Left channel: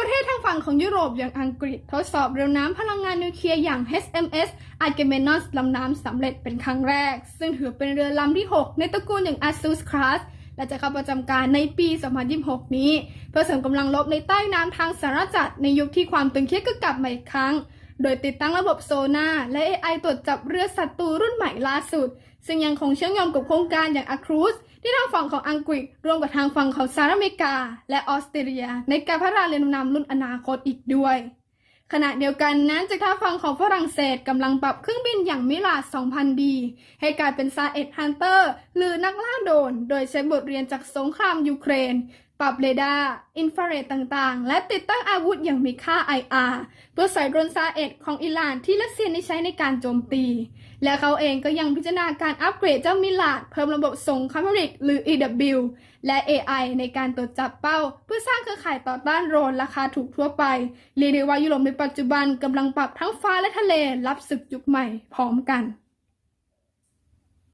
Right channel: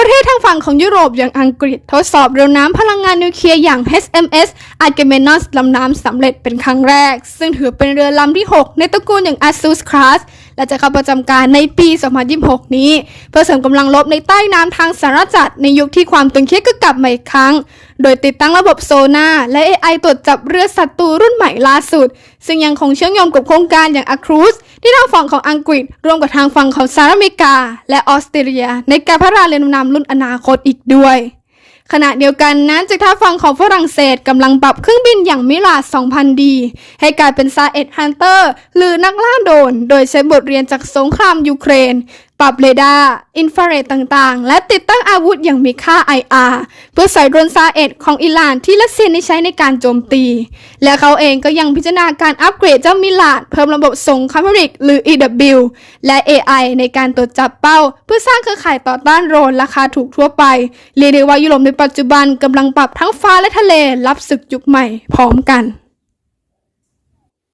ประเทศทางฝั่งของยุโรปอย่างอังกฤษทดสอบเรือน้ำพลังงานนิวเคลียร์อย่าง HMS Agamemnon ลำน้ำสำเร็จเป็นครั้งแรก ซึ่งถือเป็นเรือลำที่ 6 ในตระกูลอย่าง Asus Class และจะเข้าประจำการในปี 2026 นี้ เพื่อเสริมกำลังรบในใต้น้ำทางสารจัดในยุคที่ความตึงเครียดก็กลับมาอีกครั้ง โดยติดตั้งระบบโซนาและ AI ตรวจจับเรือศัตรูรุ่นใหม่ล่าสุด ซึ่งยังคงเชื่อมโยงกับโครงการอย่าง a c r u z ที่ทางฝั่งของอังกฤษร่วมกับทางฝั่งของสหรัฐอเมริกา และออสเตรเลีย ในการพัฒนาเรือดำน้ำรุ่นอนาคตอีกด้วย ขณะเดียวกันนั้นจากทางฝั่งของฝรั่งเศสกำลังปรับเครื่องบินอย่างมิลา 2000D ให้กลายเป็นซาเอ็ดฮันเตอร์หรือนักล่าโดน โดยใช้บทเรียนจากสงครามยูเครน ปรับเรดาร์ อินฟราเรดต่างๆ และติดตั้งอาวุธอย่างมีค่า IR เพื่อใส่โดรนซาเอ็ดของอิหร่านที่รัสเซียได้ใช้ในการโจมตี และเขาเองก็ยังพิจารณาการอัปเกรดเจ้ามิลาด เพิ่มระบบส่งคามิริกหรือ EW และ AI ในการตรวจจับเป้า เพื่อสร้างเครือข่ายต่อต้านโดรนราคาถูกทั่วไป เรียกได้ว่ายุโรปในปัจจุบันกำลังปรับทั้งฟ้าและทะเลรับศึกยุคใหม่พร้อมกัน